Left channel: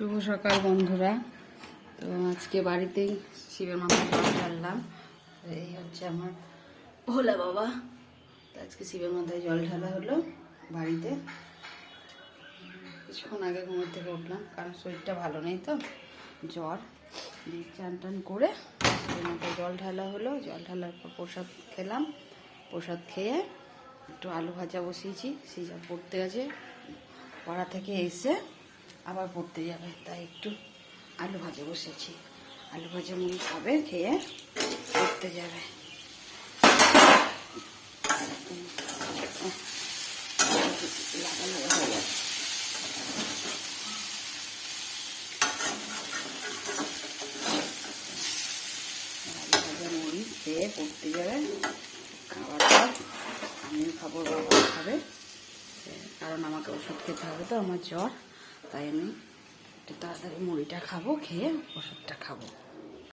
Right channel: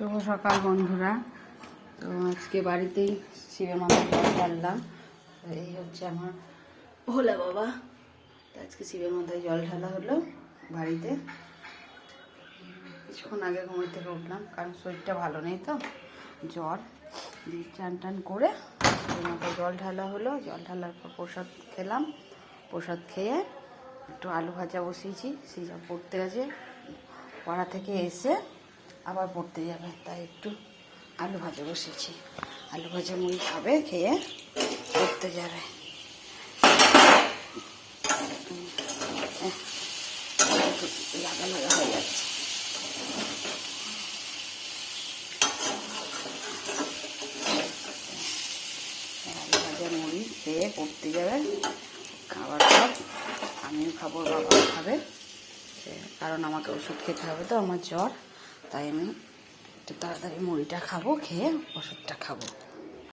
শুভ সকাল বন্ধুরা। তো আজকে বাড়িতেই শিবের মাথায় জল ঢাললাম। এই হচ্ছে আমার ভোলা বাবা। তো আজকে শিবের মাথায় জল ঢালা হলো বাড়িতে। কিছুক্ষণ আগে ঘুমের থেকে উঠলাম, কারণ শরীরটা ভালো নেই, তো জ্বর। চান টান করে শিবের মাথায় জল ঢালা হলো। জল ঢালার পর প্রসাদ খেলাম। প্রসাদ খেয়ে একটু আলু ভাজা বসিয়েছি। সিজা পড়তে গেছে, পড়া থেকে এসে আবার পড়তে যাবে, তাই একটু আলু ভাজা বসেছি। আলু ভাজা মুড়ি খাবে, খেয়ে পড়তে যাবে। লাগা লাগা হয়ে যাচ্ছে। আলু ভাজা মুড়ি খেয়ে পড়তে যাবে। খাবার পর আমিও খাবো, বাবাও খাবে, কারণ আমাকে ওষুধ খেতে হবে, তো আমার জ্বর, তাই আমি একটু তাড়াতাড়ি মুড়িটা খাবো, খেয়ে ওষুধটা খাবো।